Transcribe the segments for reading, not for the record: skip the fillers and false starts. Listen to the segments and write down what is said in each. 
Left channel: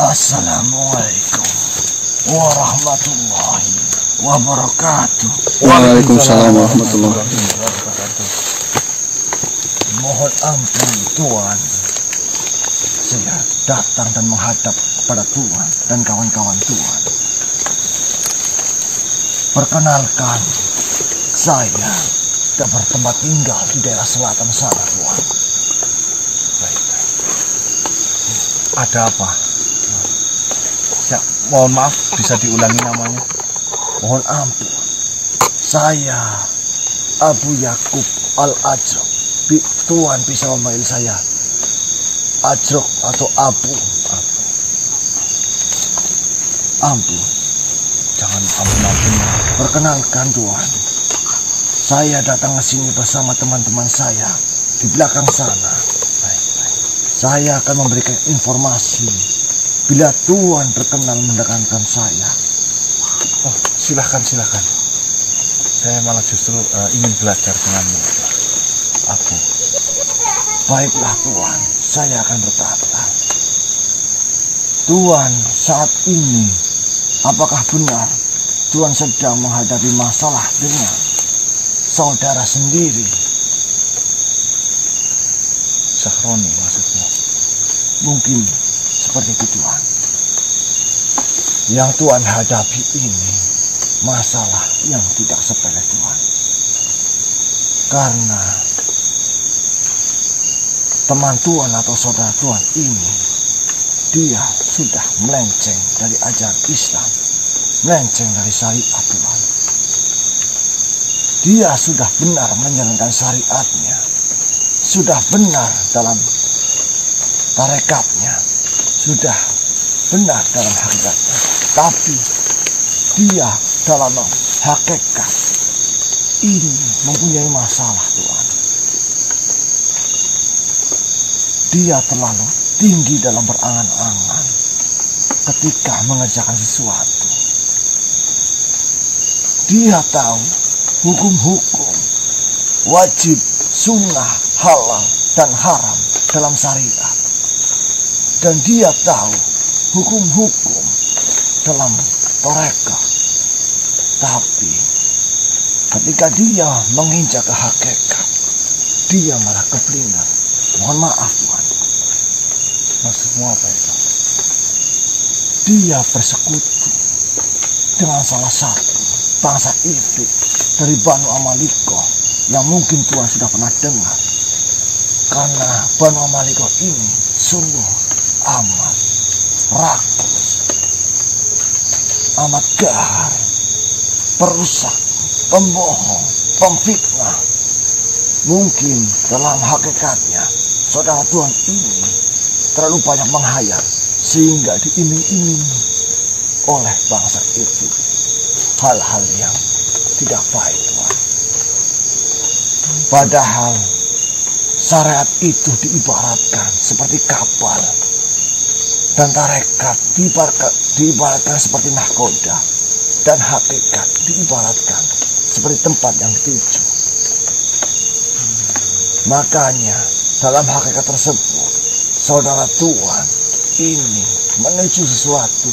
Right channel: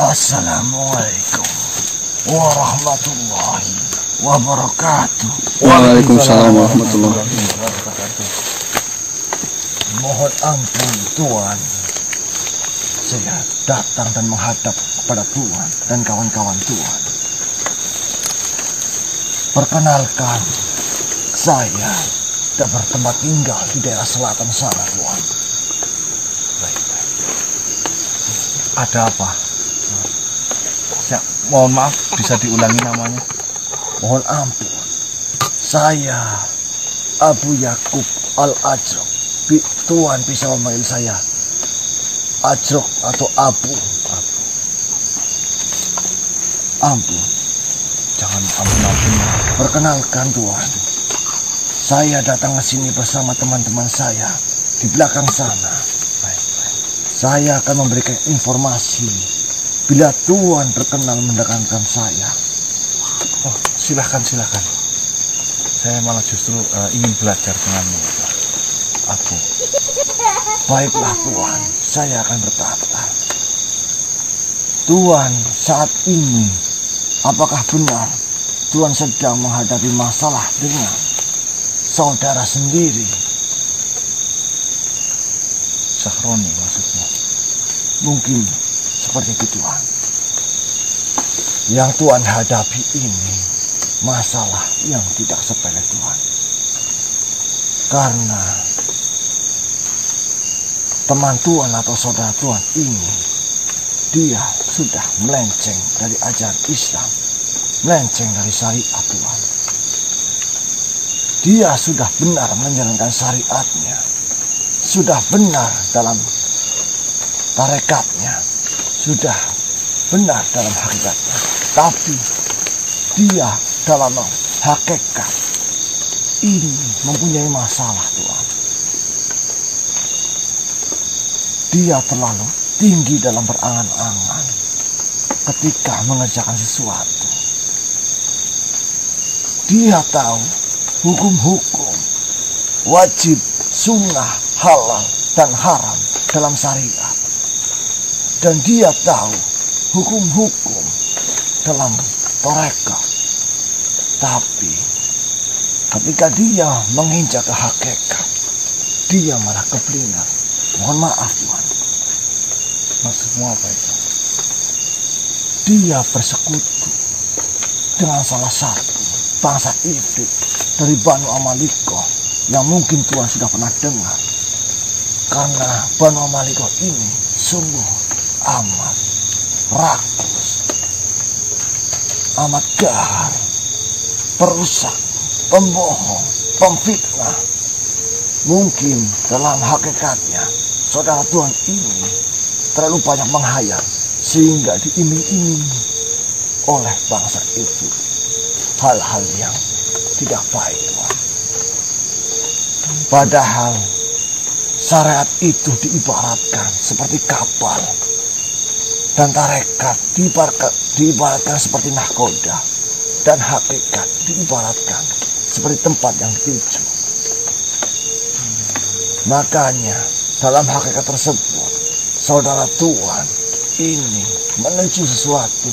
Assalamualaikum warahmatullahi wabarakatuh. Waalaikumsalam warahmatullahi wabarakatuh. Mohon ampun Tuan, saya datang dan menghadap kepada Tuan dan kawan-kawan Tuan. Perkenalkan, saya bertempat tinggal di daerah selatan sana, Tuan. Ada apa? Mohon maaf, bisa diulangi namanya? Mohon ampun, saya Abu Yakub Al-Ajrok. Tuan bisa memanggil saya Ajrok atau Abu. Ampun, jangan ampun. Perkenalkan Tuan, saya datang ke sini bersama teman-teman saya di belakang sana. Saya akan memberikan informasi bila Tuan berkenan mendekatkan saya. Oh, silakan. Saya malah justru ingin belajar denganmu, Abu. Baiklah Tuan, saya akan berkata. Tuan, saat ini, apakah benar Tuan sedang menghadapi masalah dengan saudara sendiri? Sahroni maksudmu? Mungkin seperti itu Tuan. Yang Tuan hadapi ini masalah yang tidak sepele Tuan. Karena teman Tuan atau saudara Tuan ini, dia sudah melenceng dari ajaran Islam, melenceng dari syariat Tuan. Dia sudah benar menjalankan syariatnya, sudah benar dalam tarekatnya, sudah benar dalam hakikatnya. Tapi dia dalam hakikat ini mempunyai masalah Tuan. Dia terlalu tinggi dalam berangan-angan ketika mengerjakan sesuatu. Dia tahu hukum-hukum, wajib, sunnah, halal, dan haram dalam syariat. Dan dia tahu hukum-hukum dalam tarekat. Tapi ketika dia menginjak ke hakikat, dia malah keblinger. Mohon maaf Tuan. Maksudmu apa itu? Dia bersekutu dengan salah satu bangsa Ifrit dari Banu Amaliko yang mungkin Tuan sudah pernah dengar. Karena Banu Amaliko ini sungguh amat rakus, amat gahar, perusak, pembohong, pemfitnah. Mungkin dalam hakikatnya saudara Tuan ini terlalu banyak menghayal sehingga diiming-iming oleh bangsa itu hal-hal yang tidak baik Tuan. Padahal syariat itu diibaratkan seperti kapal dan tarekat diibaratkan seperti nahkoda dan hakikat diibaratkan seperti tempat yang dituju. Makanya dalam hakikat tersebut saudara Tuan ini menuju sesuatu,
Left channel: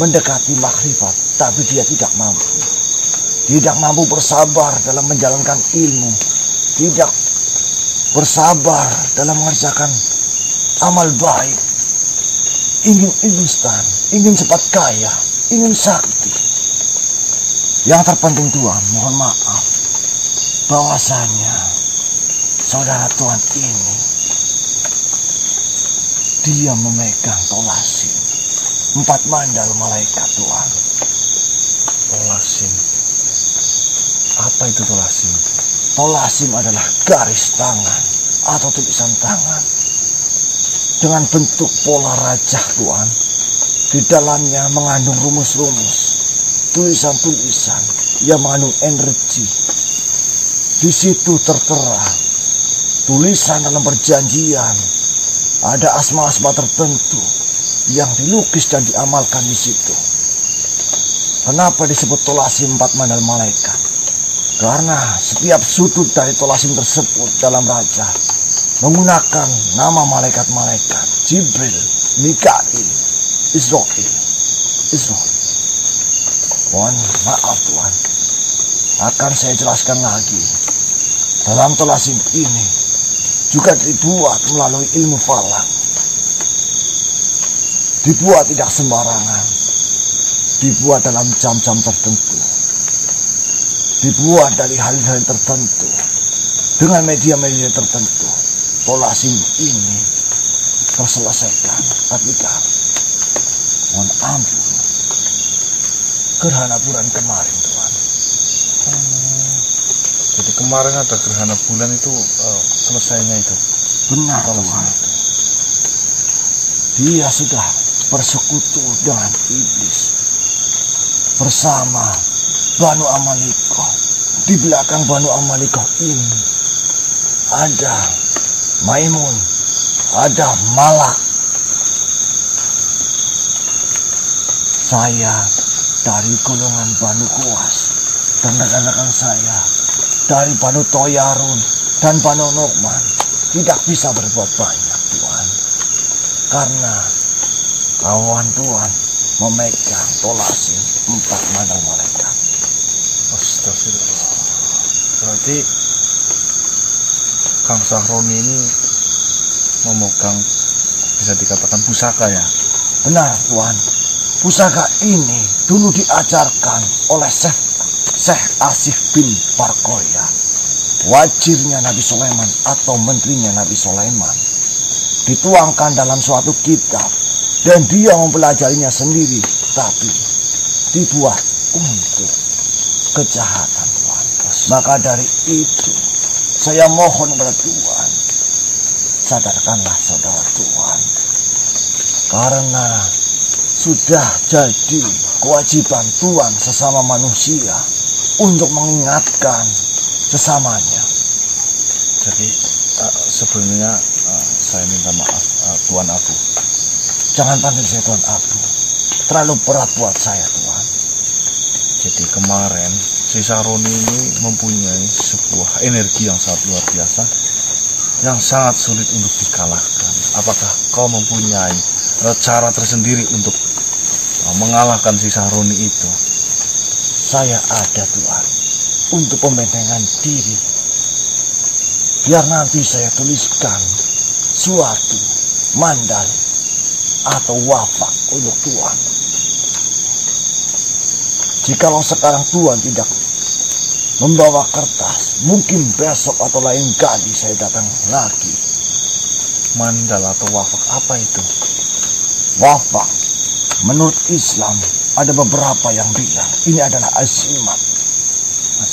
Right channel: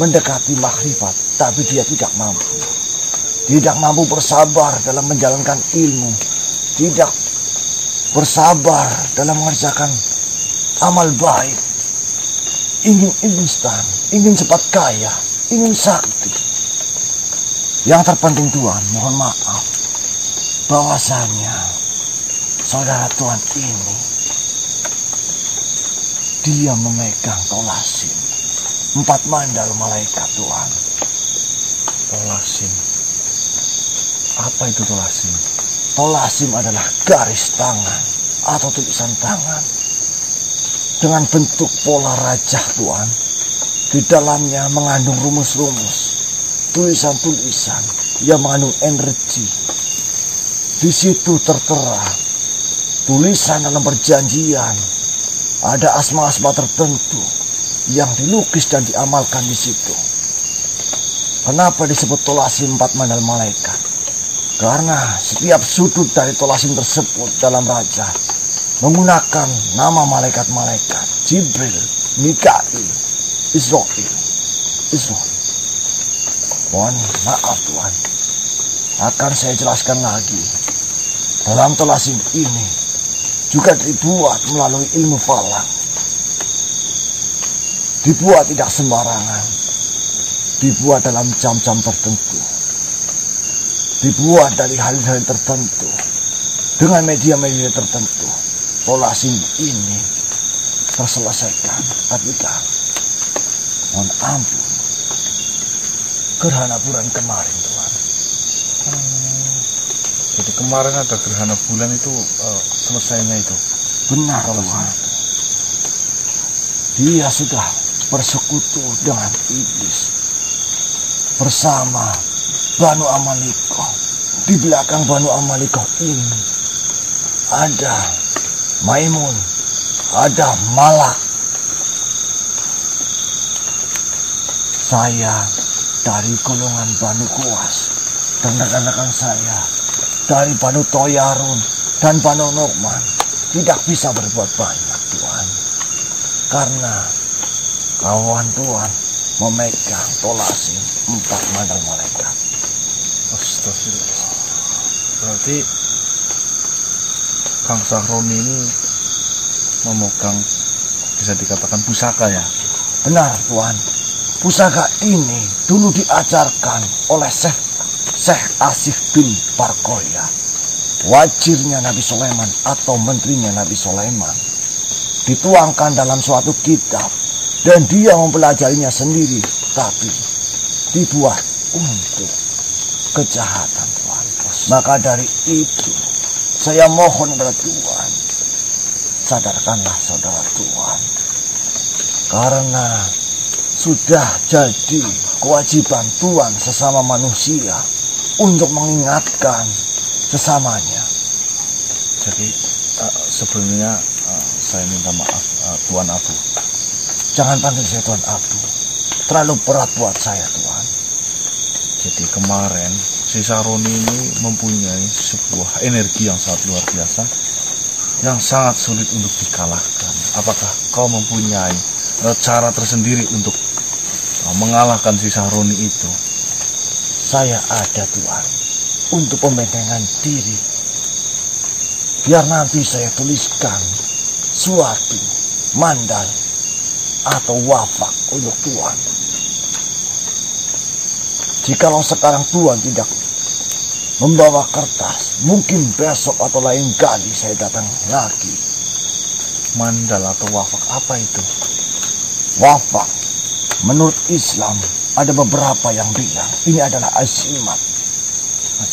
mendekati makrifat, tapi dia tidak mampu. Tidak mampu bersabar dalam menjalankan ilmu, tidak bersabar dalam mengerjakan amal baik. Ingin instan, ingin cepat kaya, ingin sakti. Yang terpenting Tuan, mohon maaf, bahwasanya saudara Tuan ini, dia memegang tolasim 4 mandal malaikat Tuan. Tolasim. Apa itu tolasim? Tolasim adalah garis tangan atau tulisan tangan dengan bentuk pola rajah Tuan. Di dalamnya mengandung rumus-rumus, tulisan-tulisan yang mengandung energi. Di situ tertera tulisan dalam perjanjian, ada asma-asma tertentu yang dilukis dan diamalkan di situ. Kenapa disebut tolasim 4 mandal malaikat? Karena setiap sudut dari tolasim tersebut dalam raja menggunakan nama malaikat-malaikat Jibril, Mikail, Israel. Mohon maaf Tuhan. Akan saya jelaskan lagi. Dalam Thalasim ini juga dibuat melalui ilmu falak. Dibuat tidak sembarangan. Dibuat dalam jam-jam tertentu. Dibuat dari hal-hal tertentu. Dengan media-media tertentu. Thalasim ini terselesaikan. Ketika mohon ampun, gerhana bulan kemarin Tuhan. Jadi kemarin ada gerhana bulan itu selesainya itu. Benar Tuhan. Dia sudah bersekutu dengan iblis bersama Banu Amalikoh. Di belakang Banu Amalikoh ini ada Maimun, ada Malak. Saya dari golongan Banu Kuas dan rekan-rekan saya dari Banu Toyarun dan Banu Nu'man tidak bisa berbuat banyak Tuhan, karena kawan Tuhan memegang Thalasim 4 mandal malaikat. Astagfirullah. Berarti Kang Sahroni ini memegang, bisa dikatakan pusaka ya? Benar Tuhan. Pusaka ini dulu diajarkan oleh Syekh Asif bin Barkoya, wazirnya Nabi Sulaiman atau menterinya Nabi Sulaiman. Dituangkan dalam suatu kitab dan dia mempelajarinya sendiri, tapi dibuat untuk kejahatan Tuhan. Maka dari itu saya mohon kepada Tuhan, sadarkanlah saudara Tuhan, karena sudah jadi kewajiban Tuhan sesama manusia untuk mengingatkan sesamanya. Jadi sebelumnya saya minta maaf Tuan Abu. Jangan panggil saya Tuan Abu, terlalu berat buat saya Tuhan. Jadi kemarin si Sahroni ini mempunyai sebuah energi yang sangat luar biasa, yang sangat sulit untuk dikalahkan. Apakah kau mempunyai cara tersendiri untuk mengalahkan si Sahroni itu? Saya ada Tuhan, untuk pembentengan diri. Biar nanti saya tuliskan suatu mandal atau wafak untuk Tuhan. Jikalau sekarang Tuhan tidak membawa kertas, mungkin besok atau lain kali saya datang lagi. Mandal atau wafak apa itu? Wafak menurut Islam ada beberapa yang bilang ini adalah azimat.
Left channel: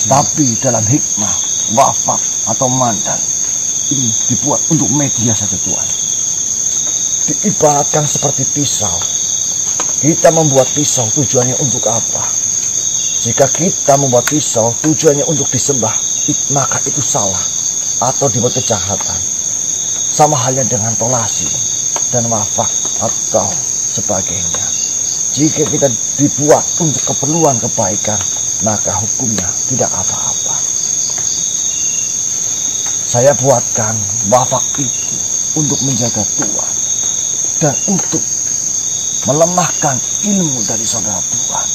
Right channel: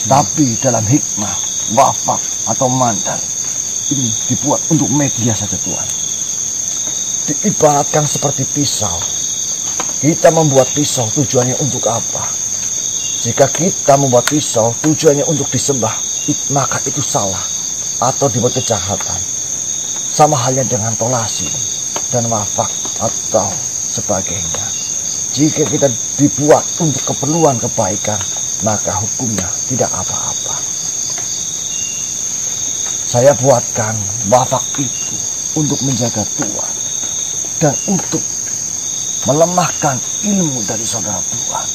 Tapi dalam hikmah wafak atau mandal ini dibuat untuk media saja Tuhan. Diibaratkan seperti pisau. Kita membuat pisau tujuannya untuk apa? Jika kita membuat pisau tujuannya untuk disembah, maka itu salah atau dibuat kejahatan. Sama halnya dengan Thalasim dan wafak atau sebagainya. Jika kita dibuat untuk keperluan kebaikan, maka hukumnya tidak apa-apa. Saya buatkan wafak itu untuk menjaga Tuhan dan untuk melemahkan ilmu dari saudara Tuhan.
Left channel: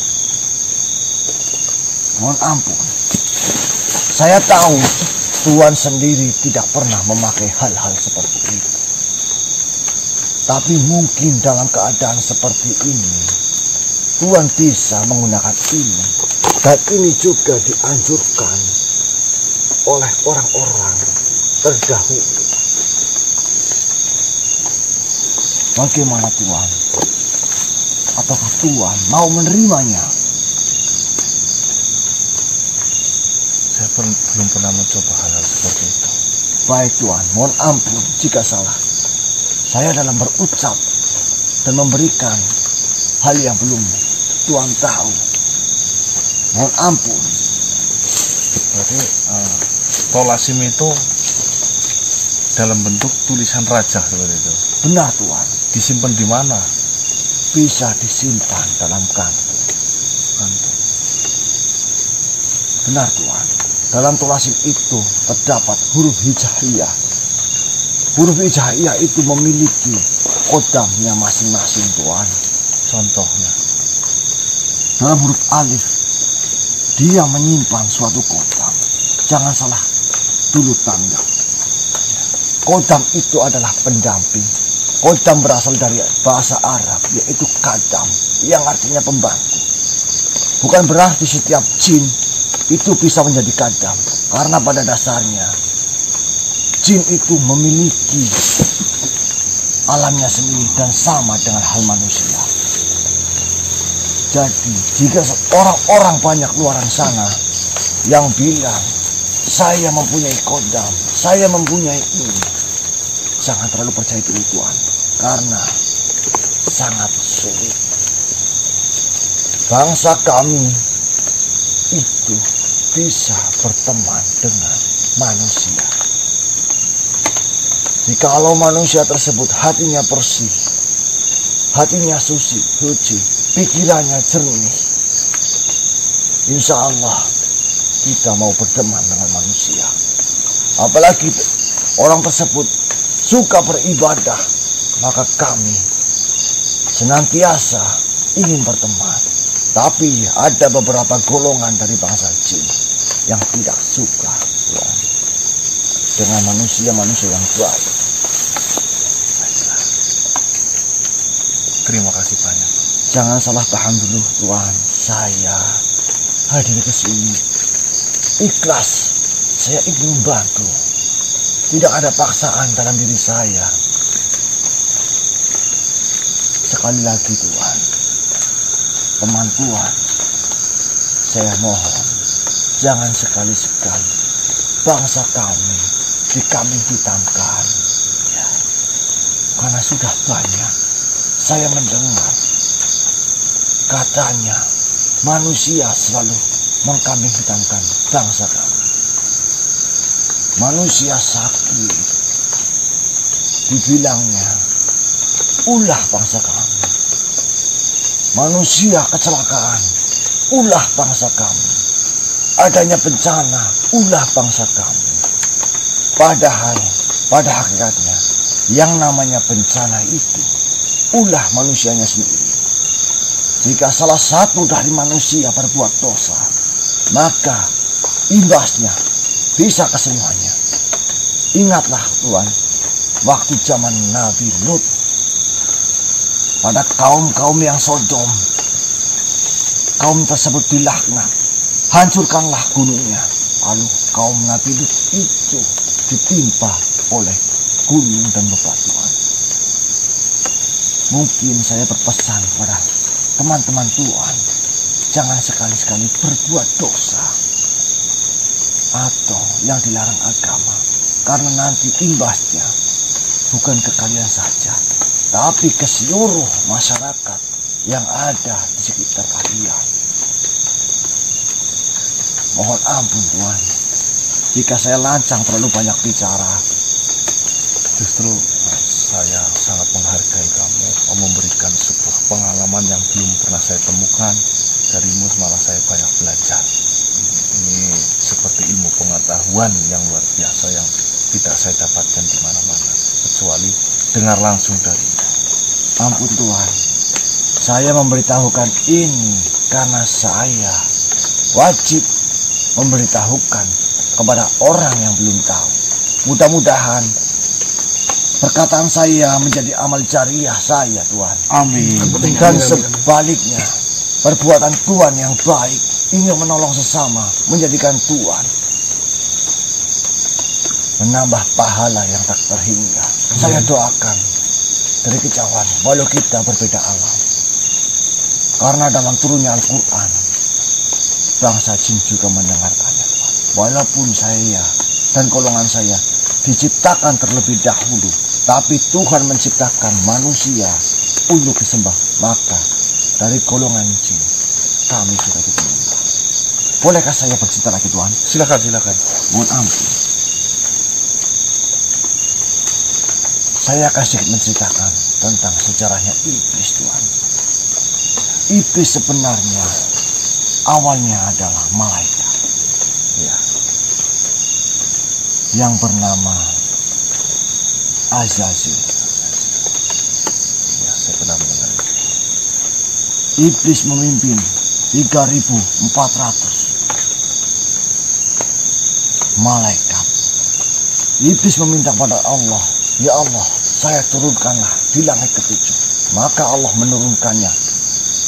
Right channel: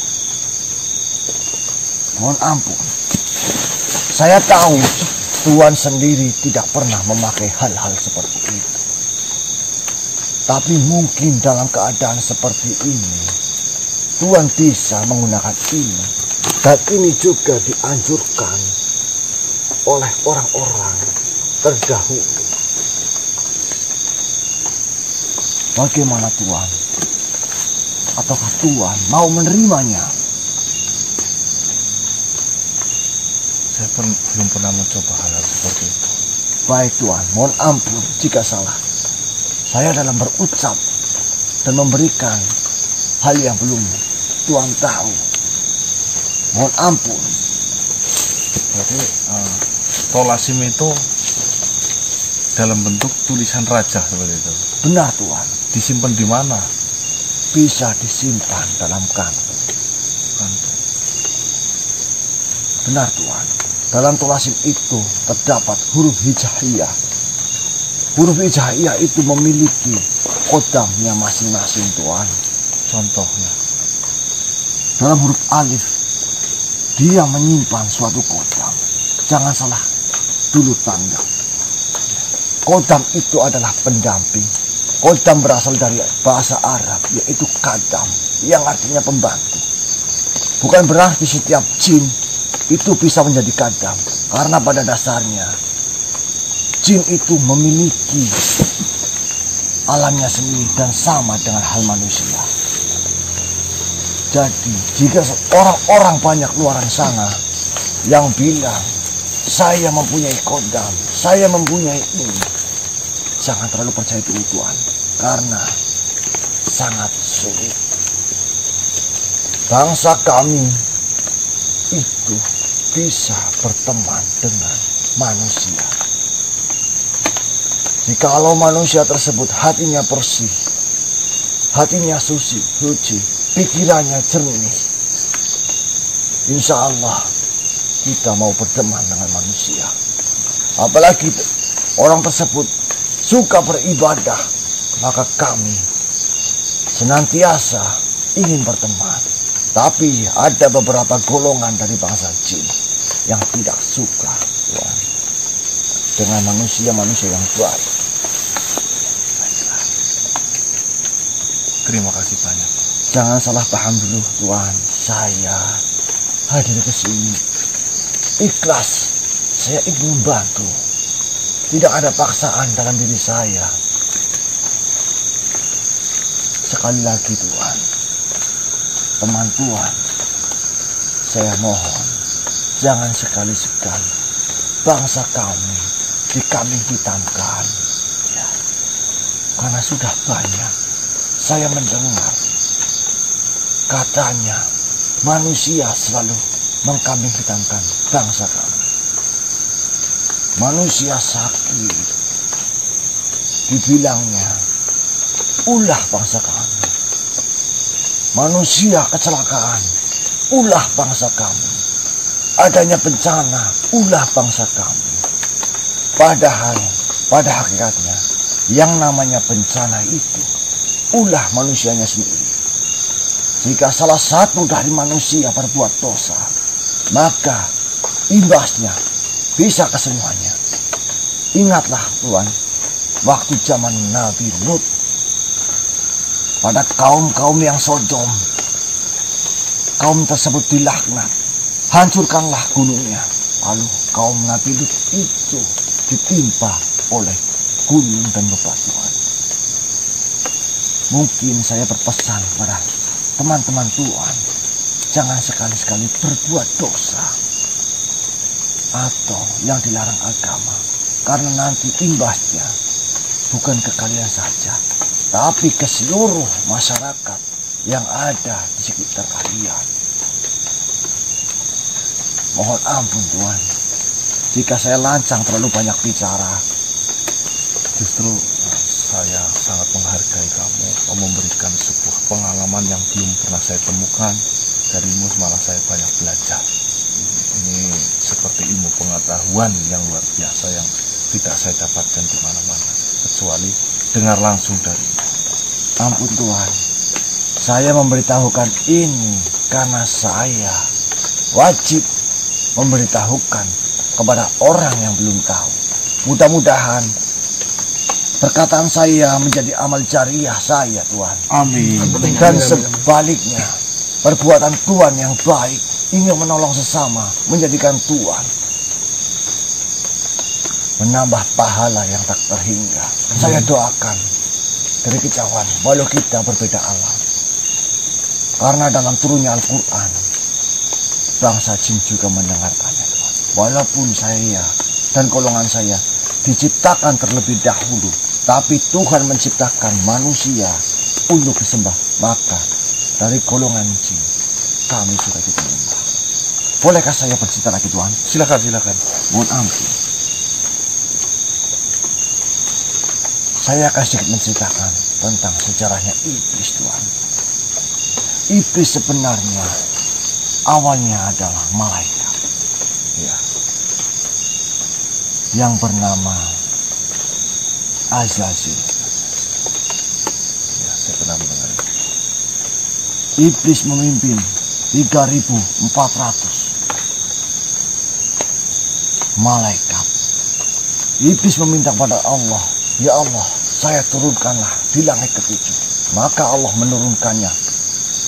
Mohon ampun, saya tahu Tuhan sendiri tidak pernah memakai hal-hal seperti itu. Tapi mungkin dalam keadaan seperti ini, Tuhan bisa menggunakan ini. Dan ini juga dianjurkan oleh orang-orang terdahulu. Bagaimana Tuhan? Ataukah Tuhan mau menerimanya? Saya belum pernah mencoba hal-hal seperti itu. Baik Tuhan, mohon ampun jika salah. Saya dalam berucap dan memberikan hal yang belum Tuhan tahu. Mohon ampun. Berarti Thalasim itu dalam bentuk tulisan raja seperti itu. Benar Tuhan. Disimpan di mana? Bisa disimpan dalam kantung. Benar Tuhan. Dalam Thalasim itu terdapat huruf hijaiyah. Huruf hijaiyah itu memiliki kodamnya masing-masing Tuhan. Contohnya? Dalam huruf alif, dia menyimpan suatu kodam. Jangan salah dulu tanda. Kodam itu adalah pendamping. Kodam berasal dari bahasa Arab, yaitu kadam, yang artinya pembantu. Bukan berarti setiap jin itu bisa menjadi kadam, karena pada dasarnya jin itu memiliki alamnya sendiri dan sama dengan hal manusia. Jadi jika orang-orang banyak luaran sana yang bilang saya mempunyai kodam, saya mempunyai ini, jangan terlalu percaya dulu Tuhan, karena sangat sulit. Bangsa kami itu bisa berteman dengan manusia jikalau manusia tersebut hatinya bersih, hatinya suci, pikirannya jernih. Insya Allah kita mau berteman dengan manusia. Apalagi orang tersebut suka beribadah, maka kami senantiasa ingin berteman. Tapi ada beberapa golongan dari bangsa jin yang tidak suka, Tuhan, dengan manusia-manusia yang baik. Terima kasih banyak. Jangan salah paham dulu, Tuhan. Saya hadir ke sini ikhlas. Saya ingin membantu. Tidak ada paksaan dalam diri saya. Sekali lagi, Tuhan, teman Tuhan, saya mohon, jangan sekali-sekali bangsa kami dikambing hitamkan. Ya, karena sudah banyak saya mendengar katanya manusia selalu mengkambing hitamkan bangsa kami. Manusia sakit, dibilangnya ulah bangsa kami. Manusia kecelakaan, ulah bangsa kami. Adanya bencana, ulah bangsa kami. Padahal pada hakikatnya yang namanya bencana itu ulah manusianya sendiri. Jika salah satu dari manusia berbuat dosa, maka imbasnya bisa ke semuanya. Ingatlah Tuhan, waktu zaman Nabi Lut, pada kaum-kaum yang Sodom, kaum tersebut dilaknat, hancurkanlah gunungnya. Lalu kaum Nabi Lut itu ditimpa oleh gunung dan bebatuan. Mungkin saya berpesan pada teman-teman Tuhan, jangan sekali-sekali berbuat dosa atau yang dilarang agama, karena nanti imbasnya bukan ke kalian saja, tapi ke seluruh masyarakat yang ada di sekitar kalian. Mohon ampun Tuhan, jika saya lancang terlalu banyak bicara. Justru saya sangat menghargai kamu. Kamu memberikan sebuah pengalaman yang belum pernah saya temukan. Darimu malah saya banyak belajar. Ini seperti ilmu pengetahuan yang luar biasa yang tidak saya dapatkan di mana-mana, kecuali dengar langsung dari. Ampun Tuhan, saya memberitahukan ini karena saya wajib memberitahukan kepada orang yang belum tahu. Mudah-mudahan perkataan saya menjadi amal jariah saya, Tuhan. Amin. Dan sebaliknya, perbuatan Tuhan yang baik, ingin menolong sesama, menjadikan Tuhan menambah pahala yang tak terhingga. Saya doakan dari kejauhan, walau kita berbeda alam. Karena dalam turunnya Al-Quran, bangsa jin juga mendengarkannya, Tuhan. Walaupun saya dan golongan saya diciptakan terlebih dahulu, tapi Tuhan menciptakan manusia untuk disembah, maka dari golongan jin kami suka ikut menyembah. Bolehkah saya bercerita lagi, Tuhan? Silakan. Mohon ampun. Saya akan sedikit menceritakan tentang sejarahnya iblis, Tuhan. Iblis sebenarnya awalnya adalah malaikat, ya, yang bernama Azazil. Ya, saya pernah mendengar. iblis memimpin 3.400 malaikat. Iblis meminta kepada Allah, ya Allah, saya turunkanlah di langit ke-7. Maka Allah menurunkannya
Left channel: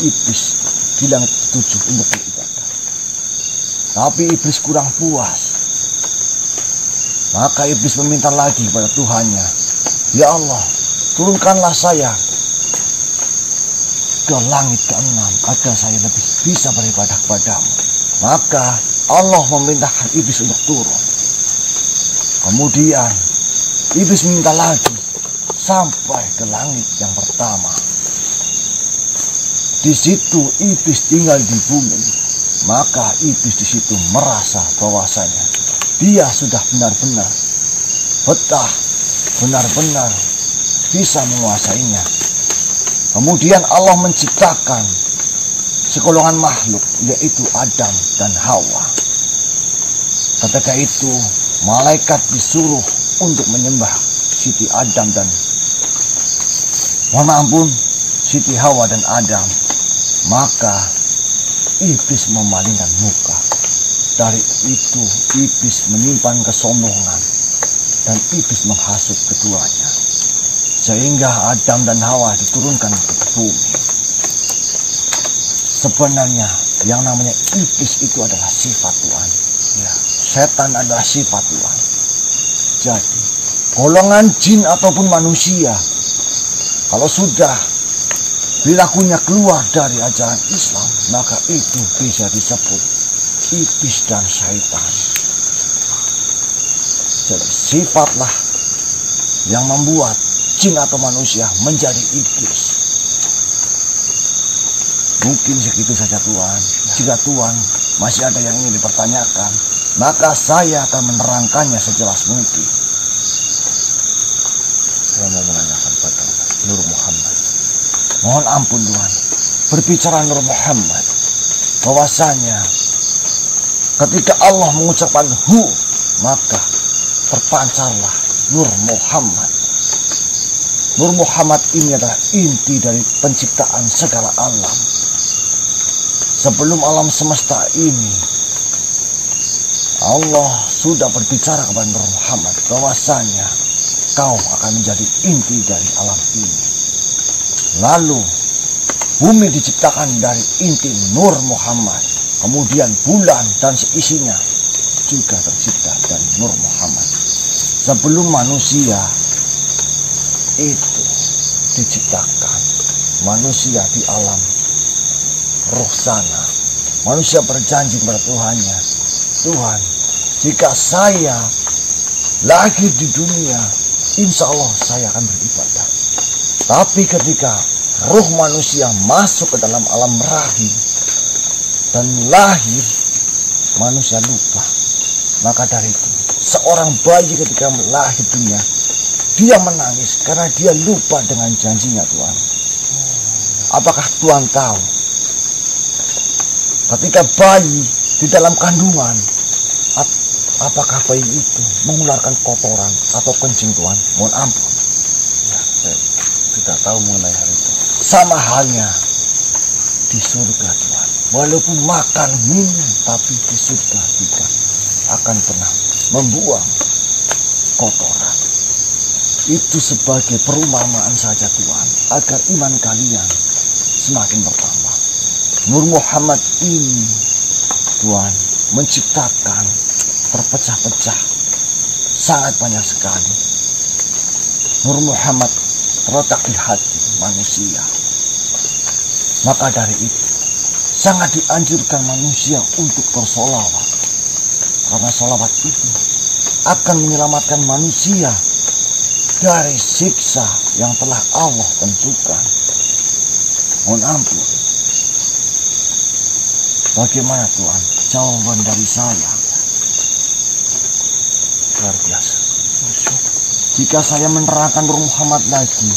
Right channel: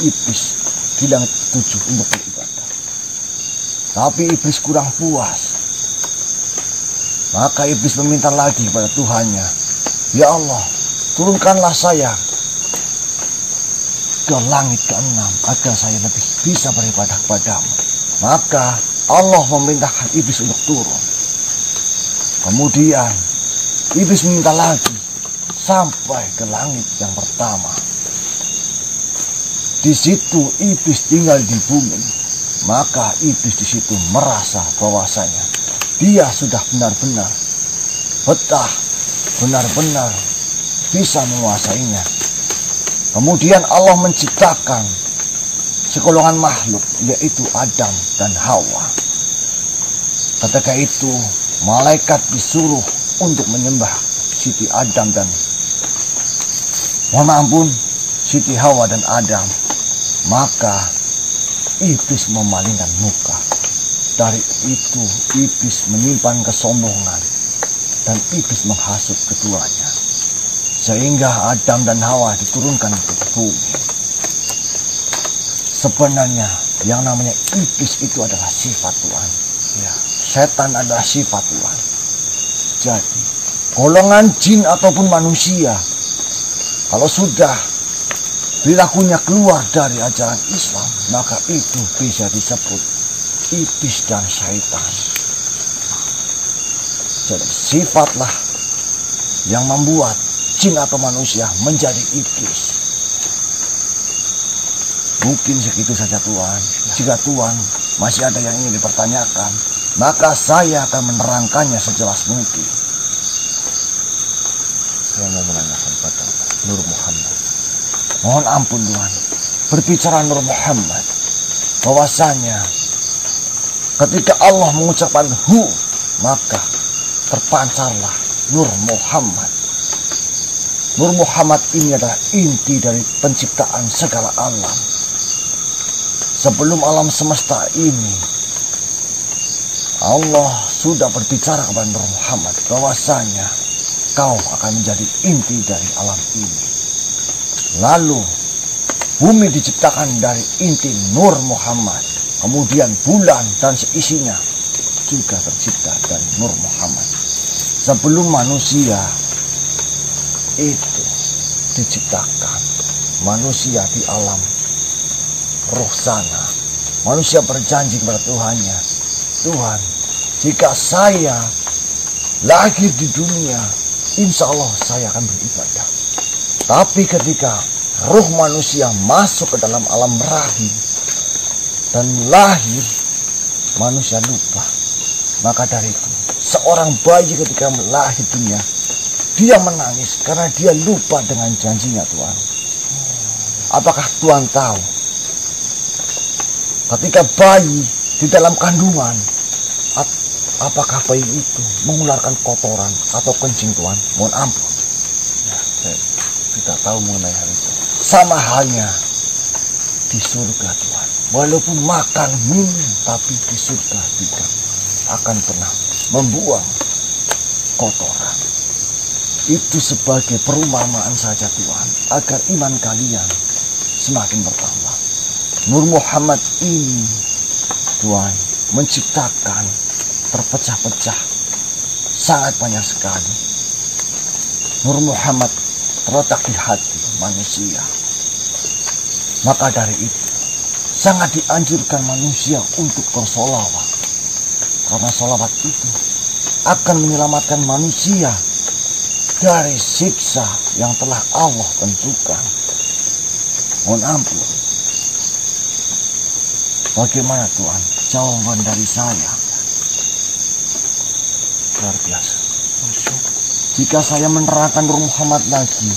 iblis di langit ke-7 untuk beribadah. Tapi iblis kurang puas. Maka iblis meminta lagi kepada Tuhannya, ya Allah, turunkanlah saya ke langit ke-6 agar saya lebih bisa beribadah kepadamu. Maka Allah memerintahkan iblis untuk turun. Kemudian iblis minta lagi sampai ke langit yang pertama. Di situ iblis tinggal di bumi. Maka iblis di situ merasa bahwasanya dia sudah benar-benar betah, benar-benar bisa menguasainya. Kemudian Allah menciptakan segolongan makhluk, yaitu Adam dan Hawa. Ketika itu malaikat disuruh untuk menyembah Siti Adam dan Siti Hawa dan Adam. Maka iblis memalingkan muka. Dari itu iblis menyimpan kesombongan dan iblis menghasut keduanya, sehingga Adam dan Hawa diturunkan ke bumi. Sebenarnya yang namanya iblis itu adalah sifat Tuhan. Ya, setan adalah sifat Tuhan. Jadi golongan jin ataupun manusia, kalau sudah perilakunya keluar dari ajaran Islam, maka itu bisa disebut iblis dan syaitan. Jadi sifatlah yang membuat jin atau manusia menjadi iblis. Mungkin segitu saja Tuhan. Jika Tuhan masih ada yang ingin dipertanyakan, maka saya akan menerangkannya sejelas mungkin. Saya mau menanyakan pada Nur Muhammad. Mohon ampun Tuhan. Berbicara Nur Muhammad, bahwasanya ketika Allah mengucapkan hu, maka terpancarlah Nur Muhammad. Nur Muhammad ini adalah inti dari penciptaan segala alam. Sebelum alam semesta ini, Allah sudah berbicara kepada Nur Muhammad bahwasanya kau akan menjadi inti dari alam ini. Lalu bumi diciptakan dari inti Nur Muhammad. Kemudian bulan dan seisinya juga tercipta dari Nur Muhammad. Sebelum manusia itu diciptakan, manusia di alam roh sana, manusia berjanji kepada Tuhannya, Tuhan, jika saya lahir di dunia, insya Allah saya akan beribadah. Tapi ketika roh manusia masuk ke dalam alam rahim dan lahir, manusia lupa. Maka dari itu, seorang bayi ketika lahir dunia, dia menangis karena dia lupa dengan janjinya Tuhan. Apakah Tuhan tahu? Ketika bayi di dalam kandungan, apakah bayi itu mengeluarkan kotoran atau kencing Tuhan? Mohon ampun. Ya, saya tidak tahu mengenai hal itu. Sama halnya di surga Tuhan. Walaupun makan minum, tapi di surga tidak akan pernah membuang kotoran. Itu sebagai perumpamaan saja Tuhan, agar iman kalian semakin bertambah. Nur Muhammad ini Tuhan menciptakan terpecah-pecah sangat banyak sekali. Nur Muhammad terletak di hati manusia. Maka dari itu sangat dianjurkan manusia untuk bersolawat, karena solawat itu akan menyelamatkan manusia dari siksa yang telah Allah tentukan. Mohon ampun. Bagaimana Tuhan jawaban dari saya? Luar biasa. Jika saya menerangkan Nur Muhammad lagi,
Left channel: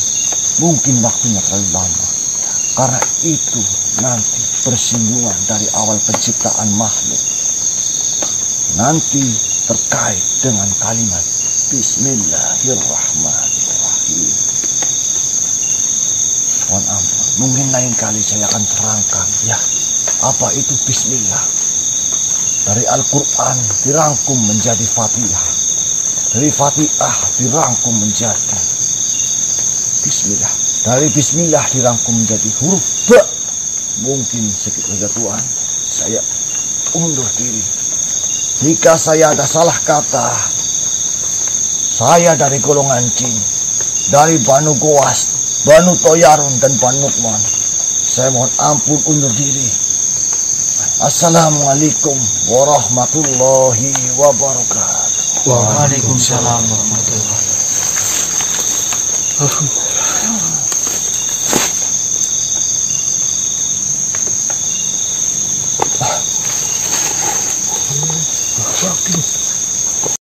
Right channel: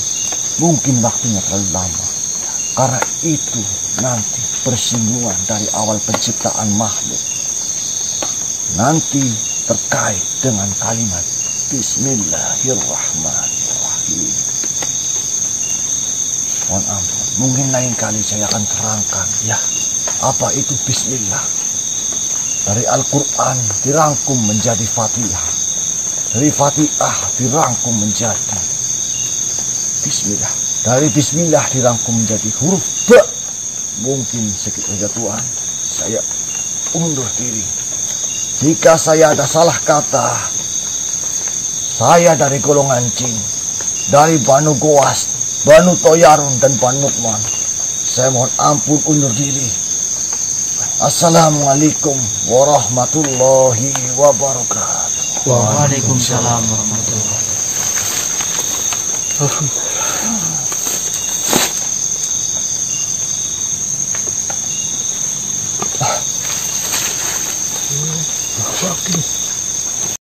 mungkin waktunya terlalu lama. Karena itu nanti bersinggungan dari awal penciptaan makhluk. Nanti terkait dengan kalimat Bismillahirrahmanirrahim. Mohon ampun. mungkin lain kali saya akan terangkan ya apa itu bismillah. Dari Al-Quran dirangkum menjadi Fatihah, dari Fatihah dirangkum menjadi bismillah, dari bismillah dirangkum menjadi huruf ba. Mungkin segitu Tuhan, saya undur diri. Jika saya ada salah kata, saya dari golongan jin, dari Banu Goas, Banu Toyarun, dan Banu Nukman. Saya mohon ampun, undur diri. Assalamualaikum warahmatullahi wabarakatuh. Waalaikumsalam warahmatullahi wabarakatuh.